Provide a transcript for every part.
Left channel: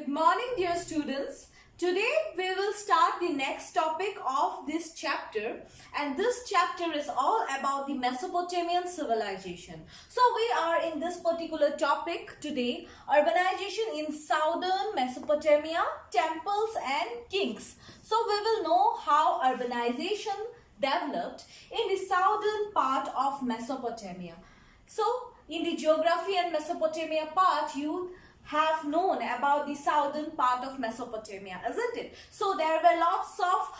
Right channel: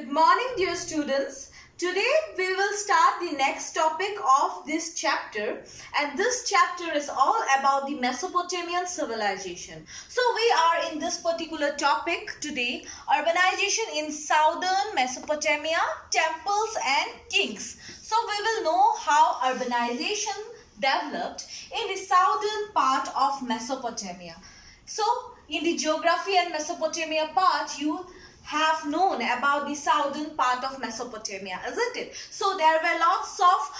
Good morning, dear students. Today we will start the next topic of this chapter, and this chapter is all about the Mesopotamian civilization. So we are in this particular topic today, urbanization in southern Mesopotamia, temples and kings. So we will know how urbanization developed in the southern part of Mesopotamia. So in the geography and Mesopotamia part, you have known about the southern part of Mesopotamia, isn't it? So there were lots of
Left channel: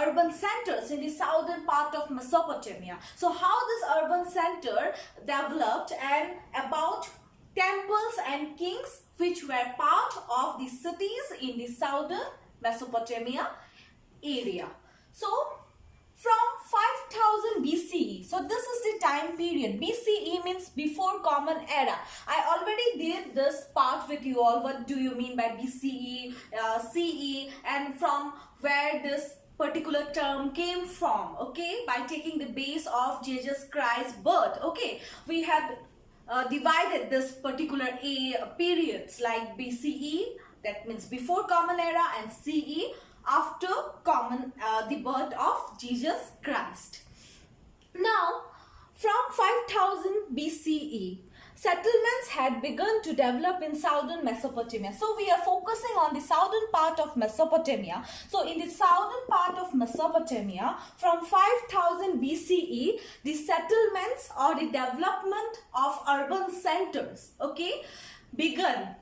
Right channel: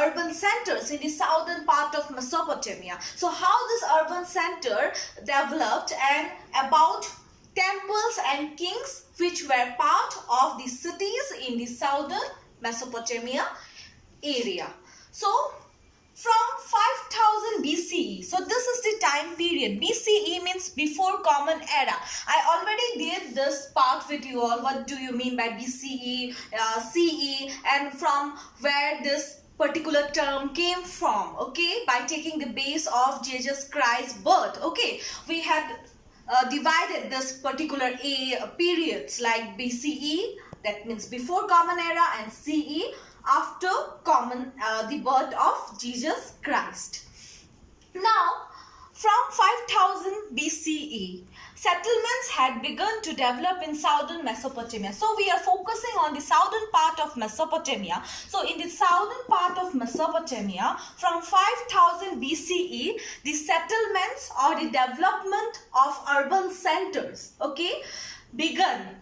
urban centers in the southern part of Mesopotamia. So how this urban center developed and about temples and kings which were part of the cities in the southern Mesopotamia area. So from 5000 BCE, so this is the time period. BCE means before common era. I already did this part with you all. What do you mean by BCE, CE, and from where this particular term came from, okay, by taking the base of Jesus Christ's birth. Okay, we had divided this particular periods like BCE, that means before common era, and CE, after the birth of Jesus Christ. Now, from 5000 BCE, settlements had begun to develop in southern Mesopotamia. So we are focusing on the southern part of Mesopotamia. So in the southern part of Mesopotamia, from 5000 BCE, the settlements or the development of urban centers, okay, begun.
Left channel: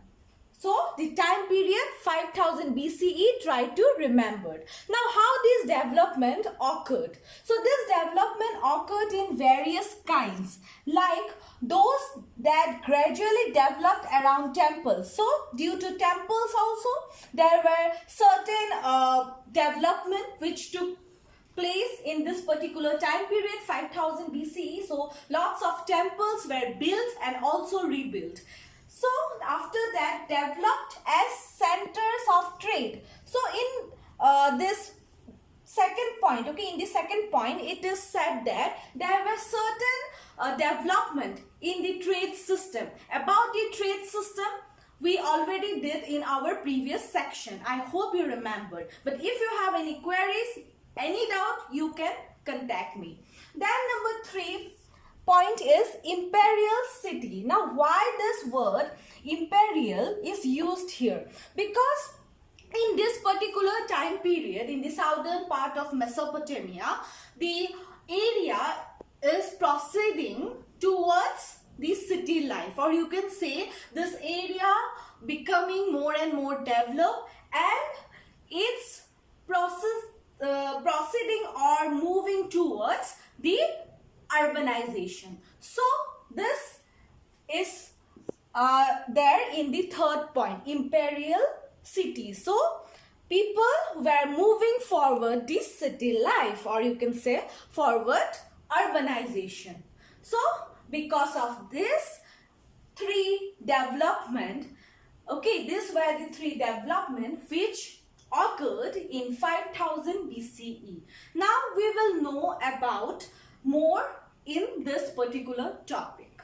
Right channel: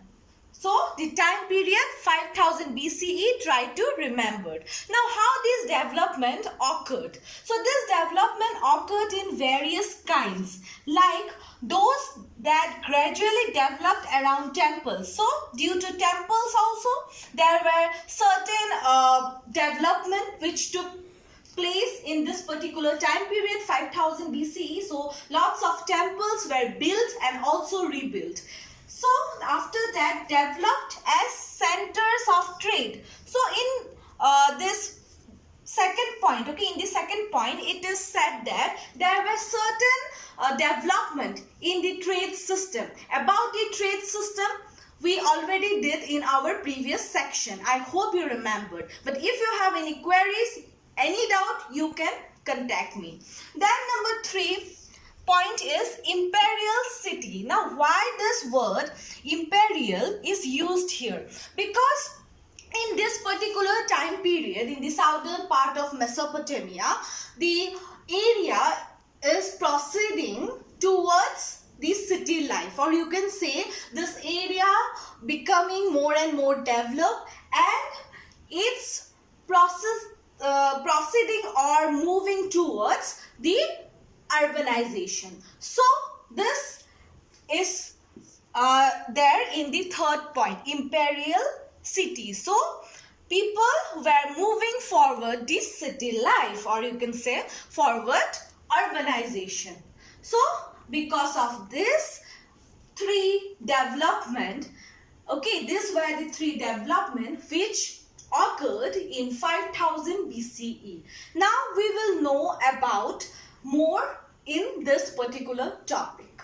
So the time period 5000 BCE, try to remember. Now how this development occurred? So this development occurred in various kinds, like those that gradually developed around temples. So due to temples also, there were certain development which took place in this particular time period 5000 BCE. So lots of temples were built and also rebuilt. So after that, developed as centers of trade. So in this second point, okay, in the second point, it is said that there were certain development in the trade system. About the trade system, we already did in our previous section. I hope you remembered. But if you have any queries, any doubt, you can contact me. Then number 3 point is imperial city. Now why this word imperial is used here? Because in this particular time period, in the southern part of Mesopotamia, the area is proceeding towards the city life, or you can say this area becoming more and more developed, and its proceeding or moving towards the urbanization. So this is there in the third point, imperial cities. So people were moving forward this city life, or you can say forward urbanization. So because of this 3 development, okay, these were the 3 development which occurred in 5000 BCE. Now we will know about more in this particular topic.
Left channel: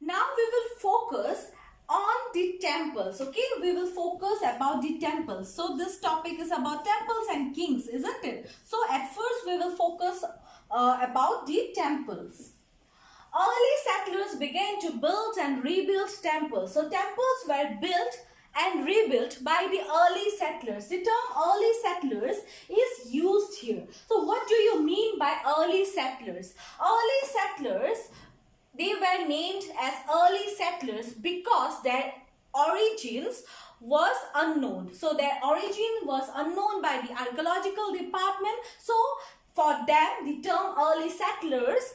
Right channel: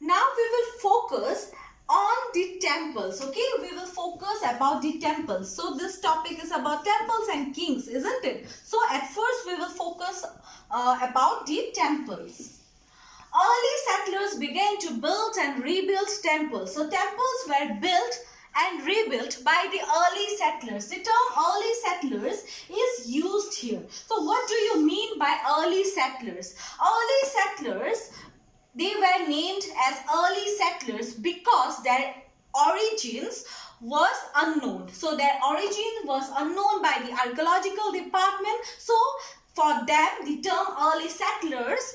Now we will focus on the temples, okay? We will focus about the temples. So this topic is about temples and kings, isn't it? So at first we will focus about the temples. Early settlers began to build and rebuild temples. So temples were built and rebuilt by the early settlers. The term early settlers is used here. So what do you mean by early settlers? Early settlers, they were named as early settlers because their origins was unknown. So their origin was unknown by the archaeological department. So for them, the term early settlers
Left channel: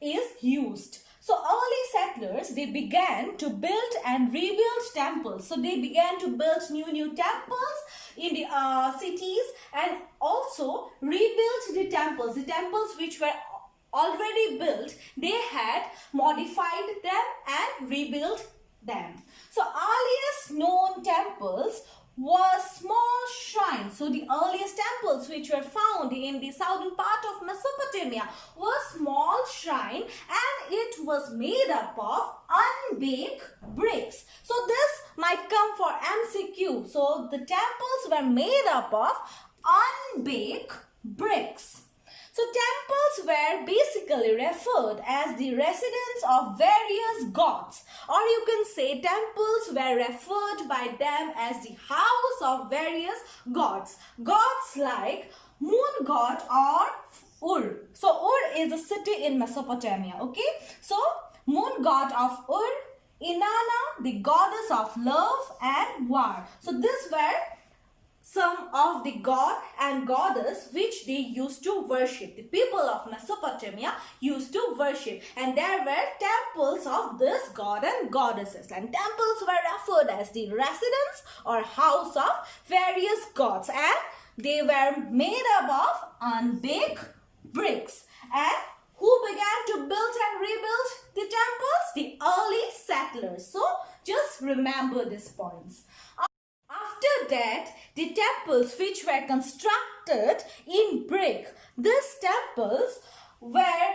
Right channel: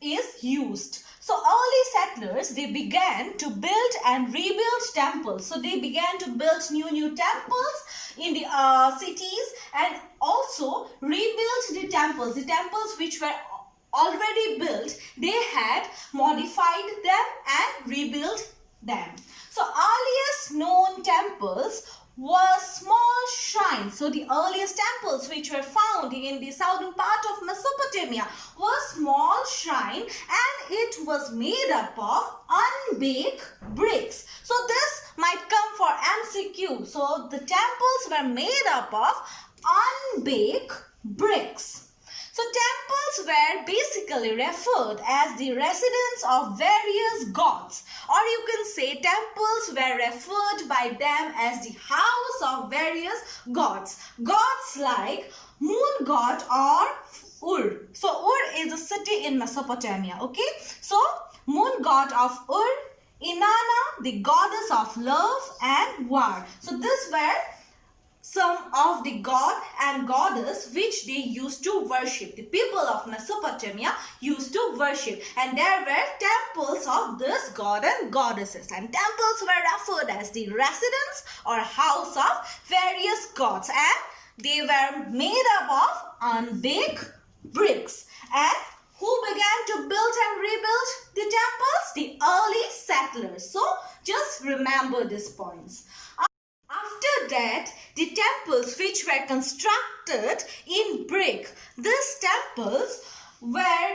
is used. So early settlers, they began to build and rebuild temples. So they began to build new temples in the cities, and also rebuilt the temples. The temples which were already built, they had modified them and rebuilt them. So earliest known temples were small shrines. So the earliest temples which were found in the southern part of Mesopotamia were small shrine, and it was made up of unbaked bricks. So this might come for MCQ. So the temples were made up of unbaked bricks. So temples were basically referred as the residence of various gods, or you can say temples were referred by them as the house of various gods. Gods like moon god or Ur. So Ur is a city in Mesopotamia. Okay. So moon god of Ur, Inanna, the goddess of love and war. So these were some of the god and goddess which they used to worship. The people of Mesopotamia used to worship, and there were temples of this god and goddesses, and temples were referred as the residence or house of various gods, and they were made up of unbaked bricks. And who began to build and rebuild the temples? The early settlers. So just remember these points. After that, the temples which were constructed in brick, these temples were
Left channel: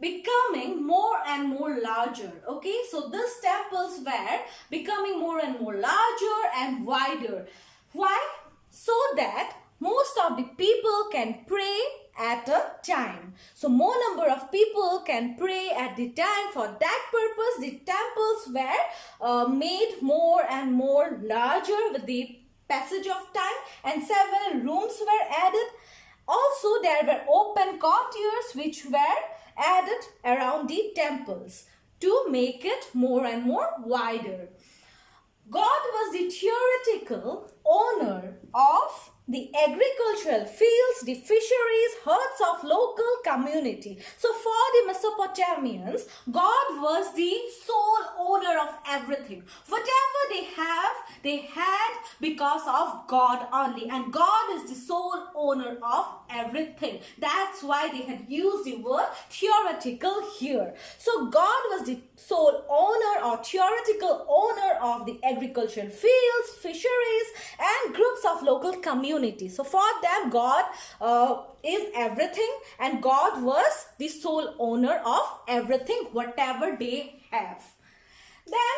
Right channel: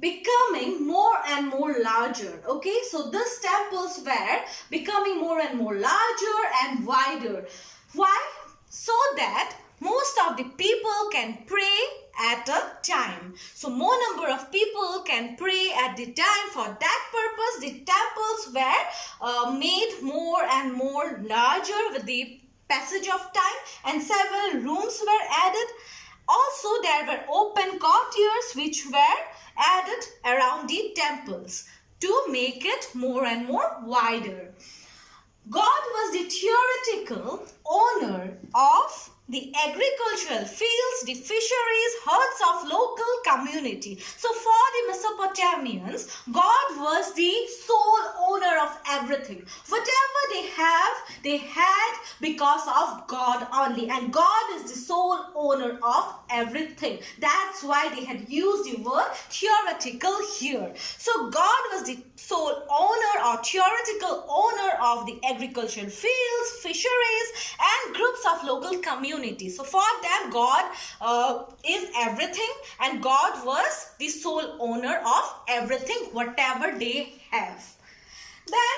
becoming more and more larger. Okay, so these temples were becoming more and more larger and wider. Why? So that most of the people can pray at a time. So more number of people can pray at the time. For that purpose, the temples were made more and more larger with the passage of time, and several rooms were added. Also, there were open courtyards which were added around the temples to make it more and more wider. God was the theoretical owner of the agricultural fields, the fisheries, herds of local community. So for the Mesopotamians, God was the sole owner of everything. Whatever they had because of God only. And God is the sole owner of everything. That's why they had used the word theoretical here. So God was the sole owner or theoretical owner of the agricultural fields, fisheries, and groups of local communities. So for them, God is everything, and God was the sole owner of everything, whatever they have. Then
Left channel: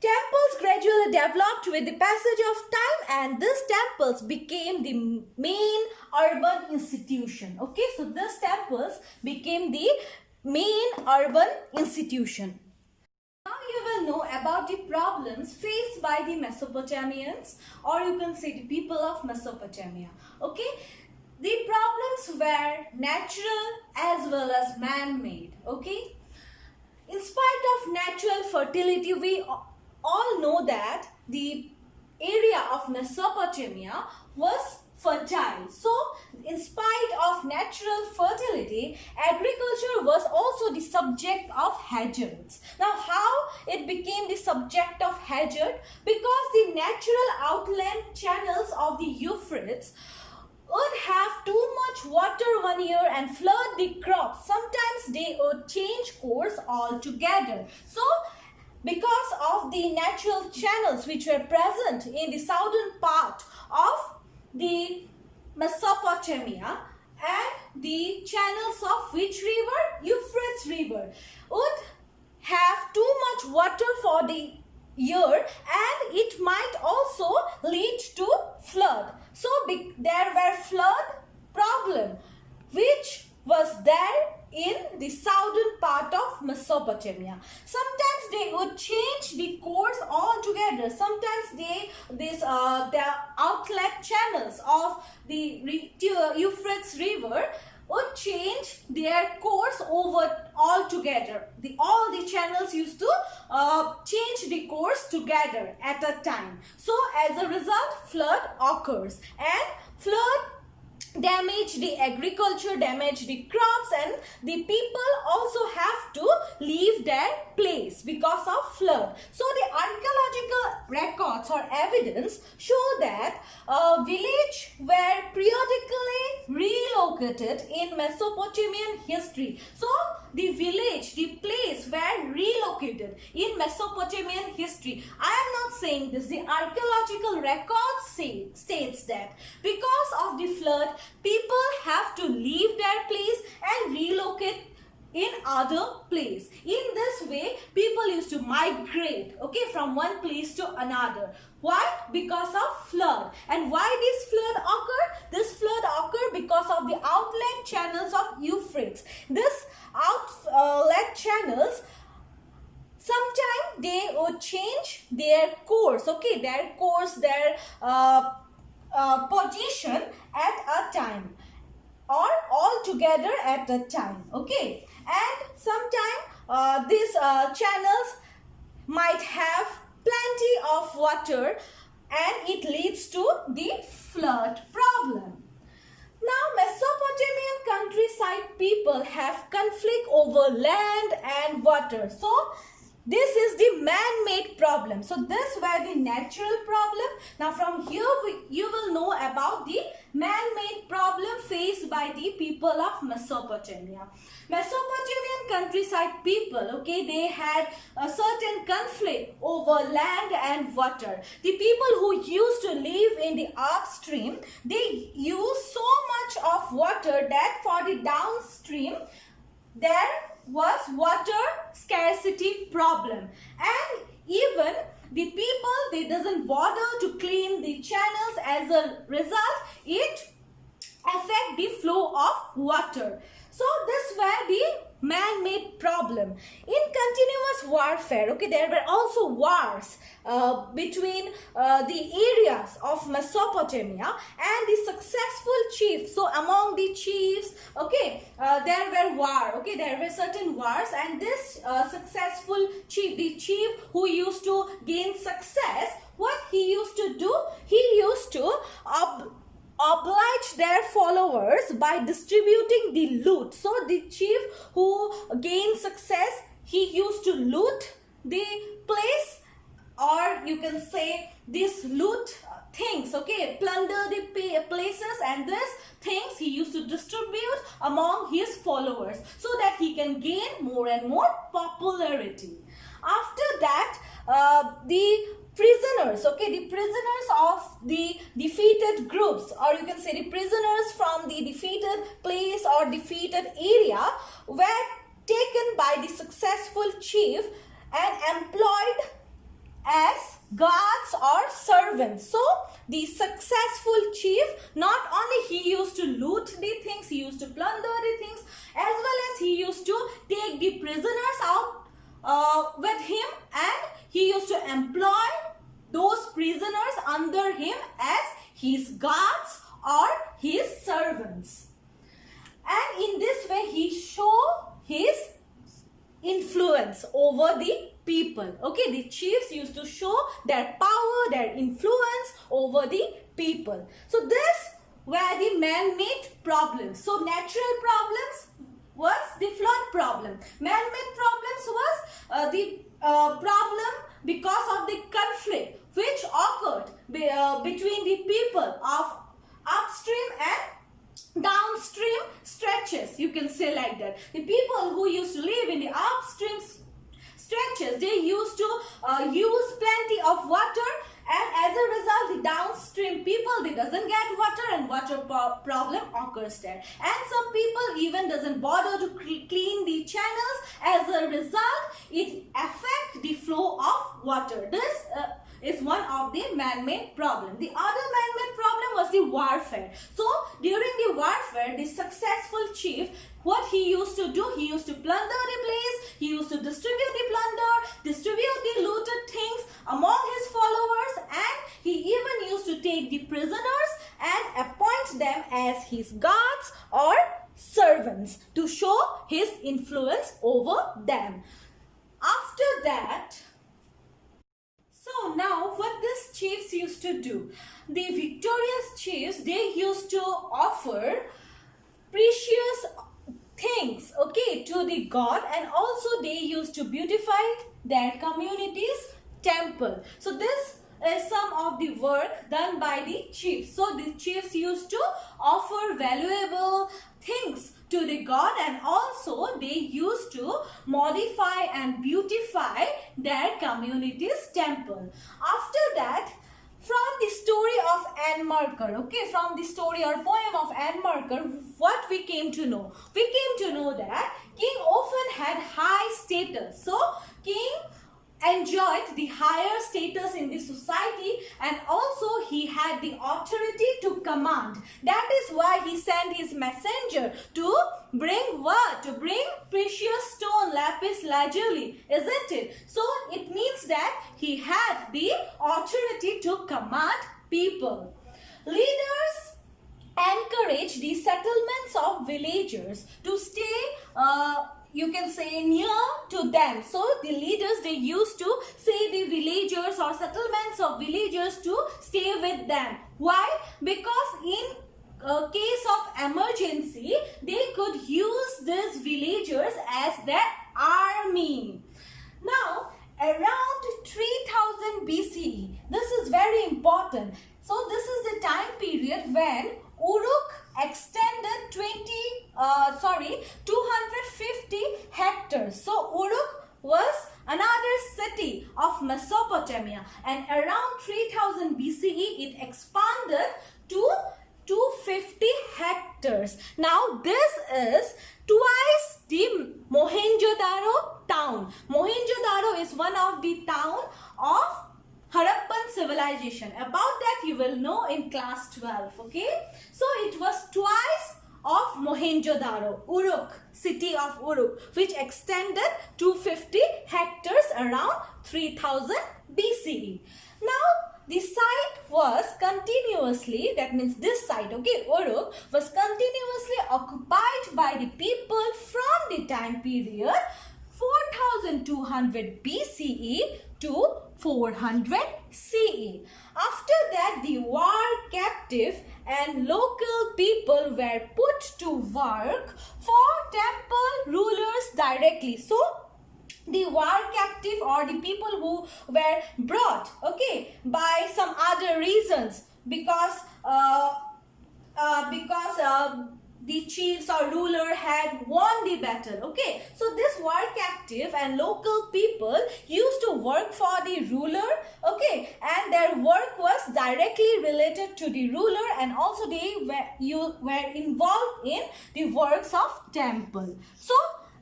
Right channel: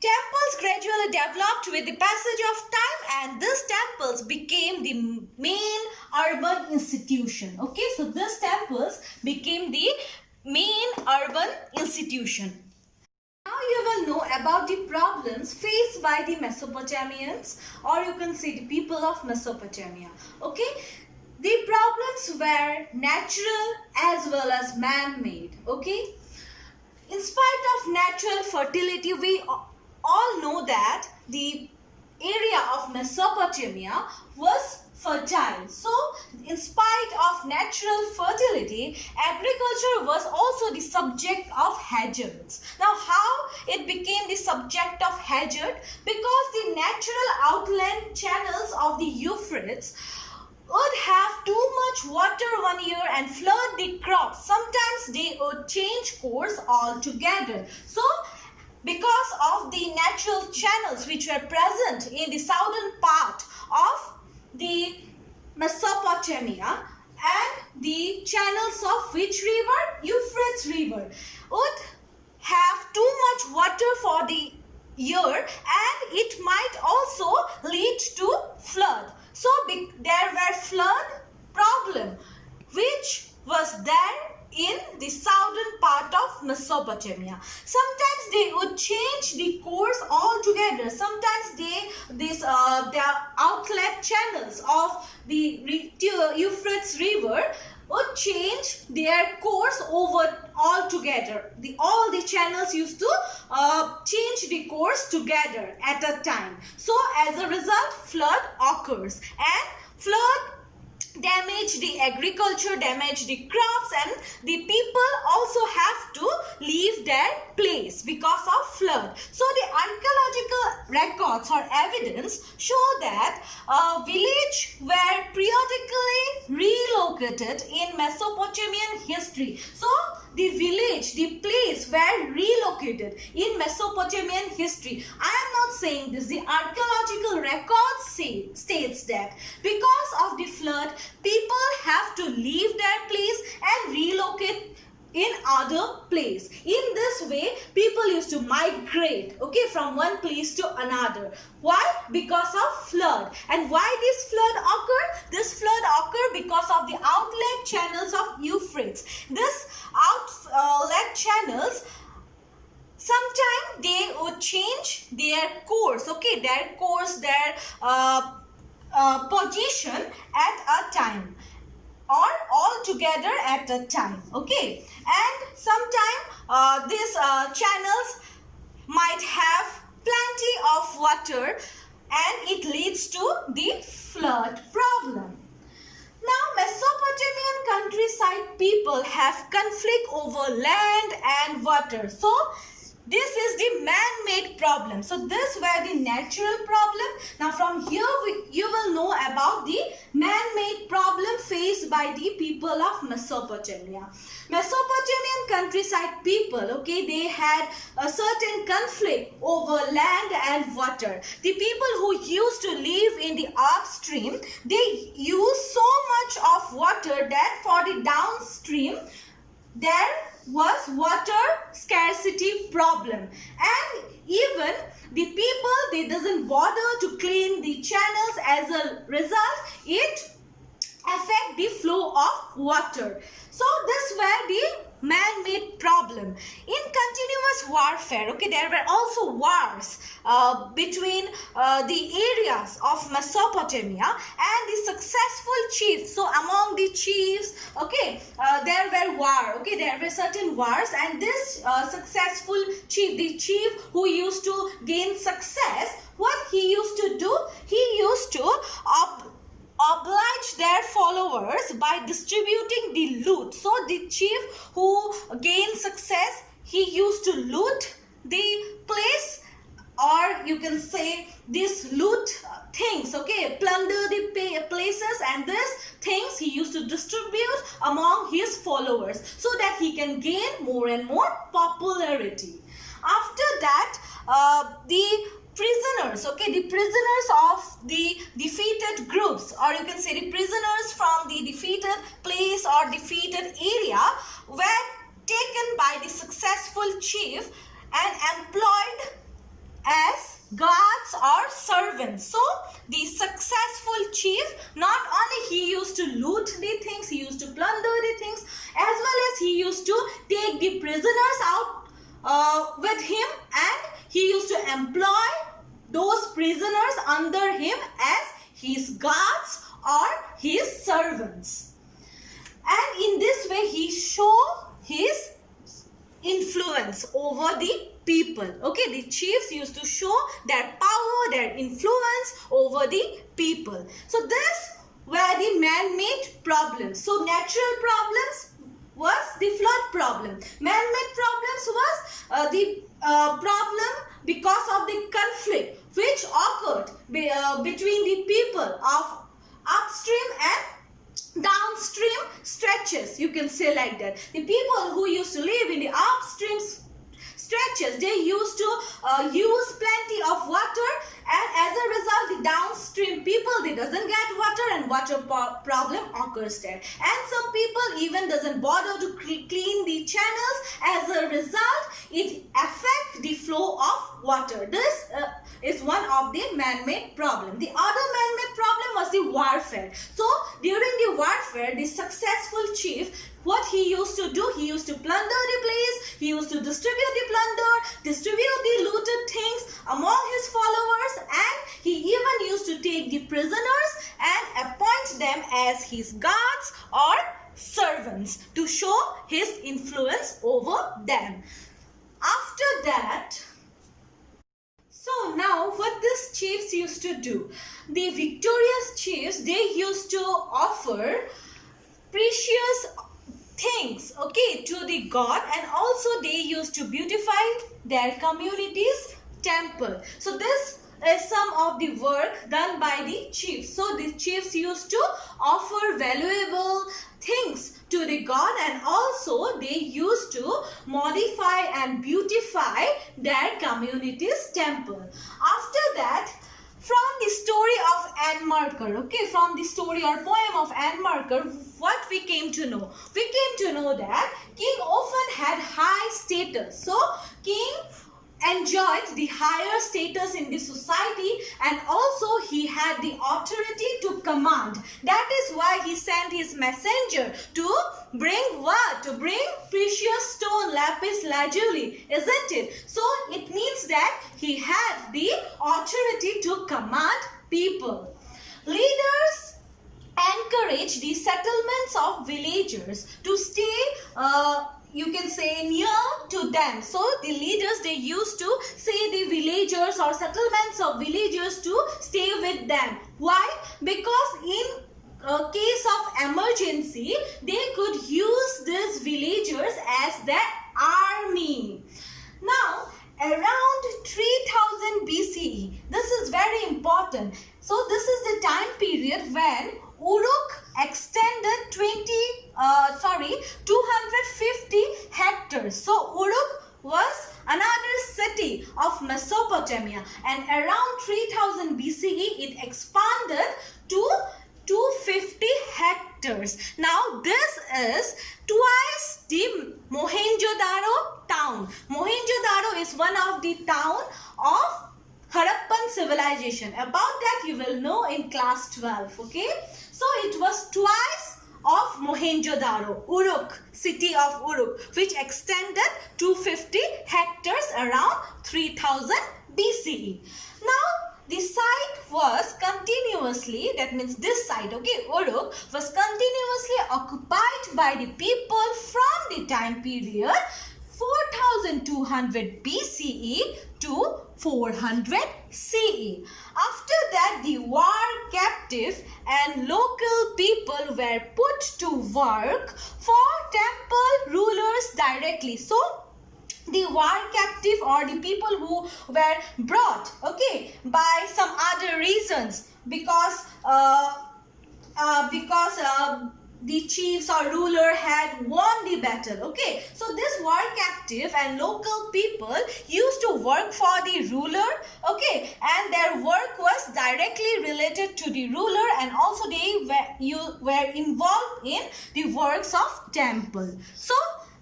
temples gradually developed with the passage of time, and these temples became the main urban institution. Okay, so these temples became the main urban institution. Now you will know about the problems faced by the Mesopotamians, or you can say the people of Mesopotamia. Okay, the problems were natural as well as man-made. Okay, in spite of natural fertility, we all know that the area of Mesopotamia was fertile. So in spite of natural fertility, agriculture was also the subject of hazards. Now how it became the subject of hazard? Because the natural outland channels of the Euphrates would have too much water one year and flood the crops. Sometimes they would change course altogether. So because of the natural channels which were present in the southern part of the Mesopotamia, and the channels of which river? Euphrates river, would have too much water for the year, and it might also lead to flood. So there were flood problem which was there in the southern part of Mesopotamia. Sometimes they would change the course altogether. Sometimes the outlet channels of the Euphrates river would change their course over altogether. All the channels used to change the course together at a time. So as a result, flood occurs, and flood damage the agriculture, damage the crops, and the people also have to leave their place because of flood. So the archaeological records or evidence show that a village were periodically relocated relocated in Mesopotamian history. So the village, the place were relocated in Mesopotamian history. I am not saying this. The archaeological records states that because of the flood, people have to leave their place and relocate in other place. In this way, people used to migrate, okay, from one place to another. Why? Because of flood. And why this flood occurred? This flood occurred because of the outlet channels of Euphrates. This outlet channels, sometimes they would change their course, okay, their course, their position at a time, or all together at a time, okay. And sometimes these channels might have plenty of water and it leads to the flood problem. Now, Mesopotamian countryside people have conflict over land and water. So, this is the man-made problem. So, this were the natural problem. Now, from here, you will know about the man-made problem faced by the people of Mesopotamia. Mesopotamian countryside people, okay, they had a certain conflict over land and water. The people who used to live in the upstream, they used so much of water that for the downstream, there was water scarcity problem. And even the people, they doesn't bother to clean the channels. As a result, it affect the flow of water. So this were the man-made problem. In continuous warfare, okay, there were also wars between the areas of Mesopotamia and the successful chiefs. So among the chiefs, okay, there were war, okay, there were certain wars, and this successful chief, the chief who used to gain success, what he used to do, he used to oblige their followers by distributing the loot. So the chief who gained success, he used to loot the place, or you can say this loot things, okay, plunder the places, and these things he used to distribute among his followers so that he can gain more and more popularity. After that, the prisoners, okay, the prisoners of the defeated groups, or you can say the prisoners from the defeated place or defeated area, were taken by the successful chief and employed as guards or servants. So the successful chief, not only he used to loot the things, he used to plunder the things, as well as he used to take the prisoners out with him, and he used to employ those prisoners under him as his guards or his servants. And in this way, he showed his influence over the people. Okay, the chiefs used to show their power, their influence over the people. So this were the man-made problems. So natural problems was the flood problem. Man-made problems was the problem because of the conflict which occurred between the people of upstream and downstream stretches, you can say like that. The people who used to live in the upstream stretches, they used to use plenty of water, and as a result, the downstream people, they doesn't get water, and water problem occurs there. And some people even doesn't bother to clean the channels. As a result, it affects the flow of water. This is one of the man-made problem. The other man-made problem was the warfare. So during the warfare, the successful chief, what he used to do, he used to plunder the place, he used to distribute the plunder, distribute the looted things among his followers, and he even used to take the prisoners and appoint them as his guards or servants to show his influence over them. After that, so now what these chiefs used to do, the victorious chiefs, they used to offer precious things, okay, to the god, and also they used to beautify their community's temple. So this is some of the work done by the chiefs. So the chiefs used to offer valuable things to the god, and also they used to modify and beautify their community's temple. After that, from the story of Anmarker, okay, from the story or poem of Anmarker, what we came to know? We came to know that king often had high status. So king enjoyed the higher status in the society, and also he had the authority to command. That is why he sent his messenger to bring what? To bring precious stone, lapis lazuli, isn't it? So it means that he had the authority to command people. Leaders encourage the settlements of villagers to stay you can say near to them. So the leaders, they used to say the villagers or settlements of villagers to stay with them. Why? Because in a case of emergency, they could use these villagers as their army. Now, around 3000 BCE, this is very important. So this is the time period when Uruk extended 250 hectares. So Uruk was another city of Mesopotamia, and around 3000 BCE it expanded to 250 hectares. Now this is twice the Mohenjo-daro town. Mohenjo-daro is one of the town of Harappan civilization. About that you will know in class 12. Okay, so it was twice of Mohenjo-daro, Uruk, city of Uruk, which extended 250 hectares around 3000 BCE. Now the site was continuously, that means this site, okay, Uruk, was continuously occupied by the people from the time period 4200 BCE to 400 CE. After that, the war captive and local people were put to work for temple rulers directly. So the war captive or the people who were brought, okay, by some other reasons, because the chiefs or ruler had won the battle, okay. So this war captive and local people used to work for the ruler, okay, and their work was directly related to the ruler, and also they were involved in the works of temple. So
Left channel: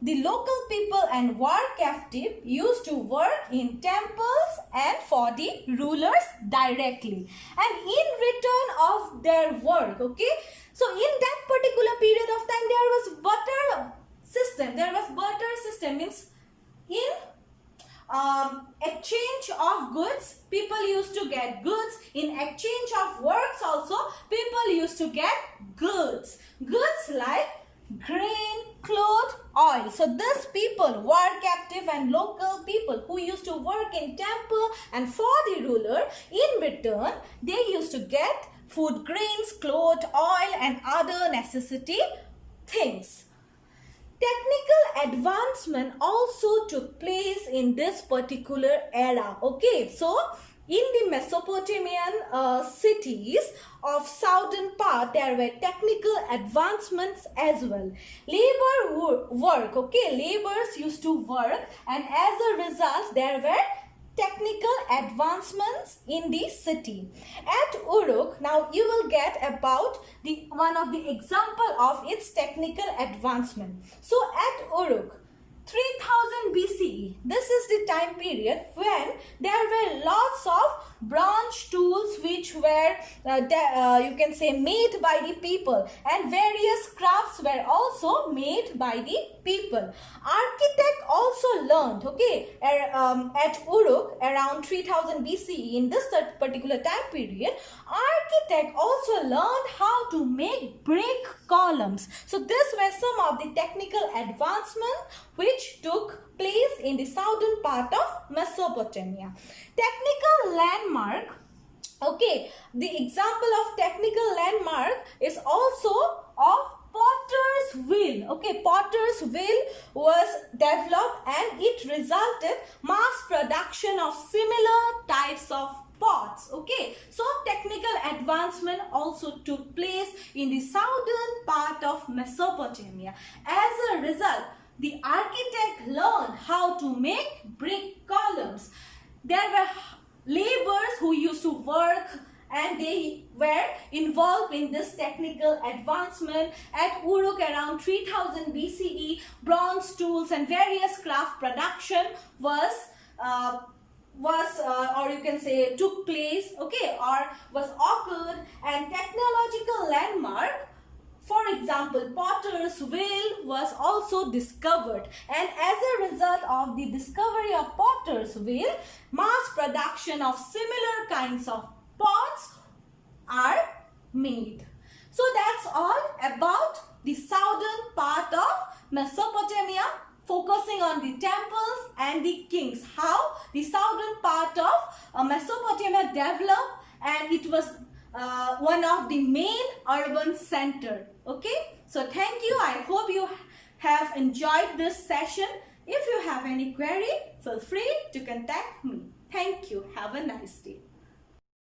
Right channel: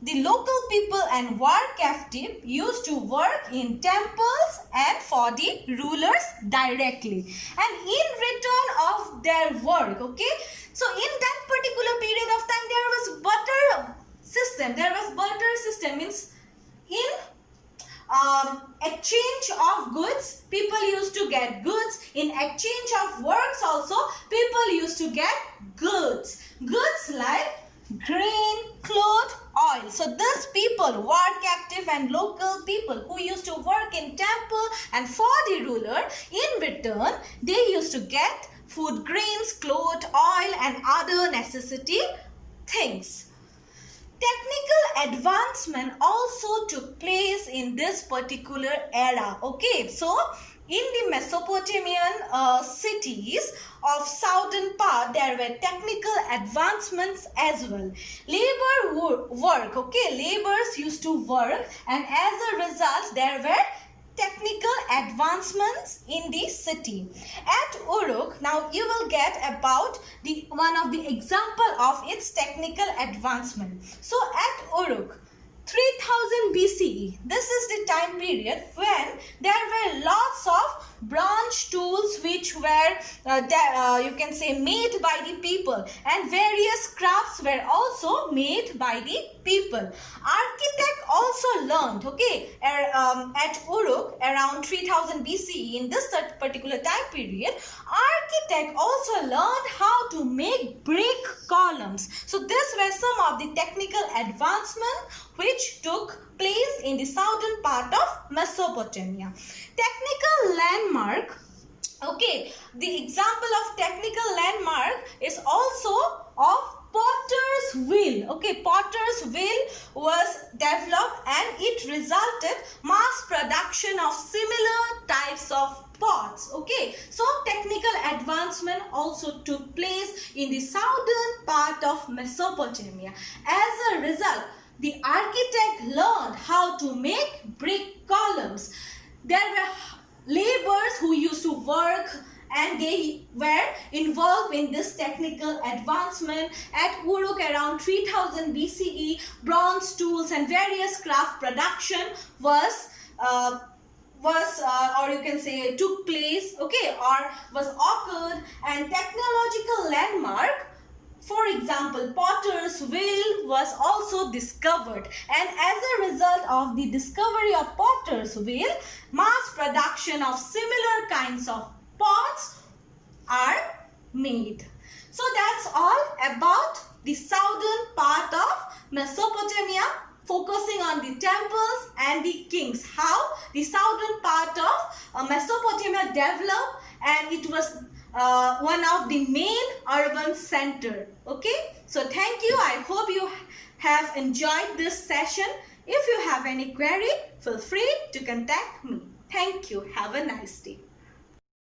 the local people and war captive used to work in temples and for the rulers directly, and in return of their work, okay. So in that particular period of time, there was barter system. There was barter system, means in exchange of goods, people used to get goods. In exchange of works also, people used to get goods. Goods like grain, cloth, oil. So these people, war captive and local people who used to work in temple and for the ruler, in return, they used to get food, grains, cloth, oil and other necessity things. Technical advancement also took place in this particular era. Okay, so in the Mesopotamian cities of southern part, there were technical advancements as well. Labor work, okay, laborers used to work, and as a result, there were technical advancements in the city. At Uruk, now you will get about the one of the example of its technical advancement. So at Uruk, 3000 BCE, this is the time period when there were lots of bronze tools which were you can say made by the people, and various crafts were also made by the people. Architect also learned, okay, at Uruk around 3000 BCE, in this particular time period, architect also learned how to make brick columns. So these were some of the technical advancement which took place in the southern part of Mesopotamia. Technical landmark, okay, the example of technical landmark is also of Potter's wheel. Okay, Potter's wheel was developed and it resulted mass production of similar types of pots. Okay, so technical advancement also took place in the southern part of Mesopotamia. As a result, the architect learned how to make brick columns. There were laborers who used to work and they were involved in this technical advancement. At Uruk around 3000 BCE, bronze tools and various craft production or you can say took place, okay, or was occurred, and technological landmark, for example, potter's wheel was also discovered, and as a result of the discovery of potter's wheel, mass production of similar kinds of pots are made. So that's all about the southern part of Mesopotamia, focusing on the temples and the kings, how the southern part of Mesopotamia developed, and it was one of the main urban center. Okay, so thank you. I hope you have enjoyed this session. If you have any query, feel free to contact me. Thank you. Have a nice day.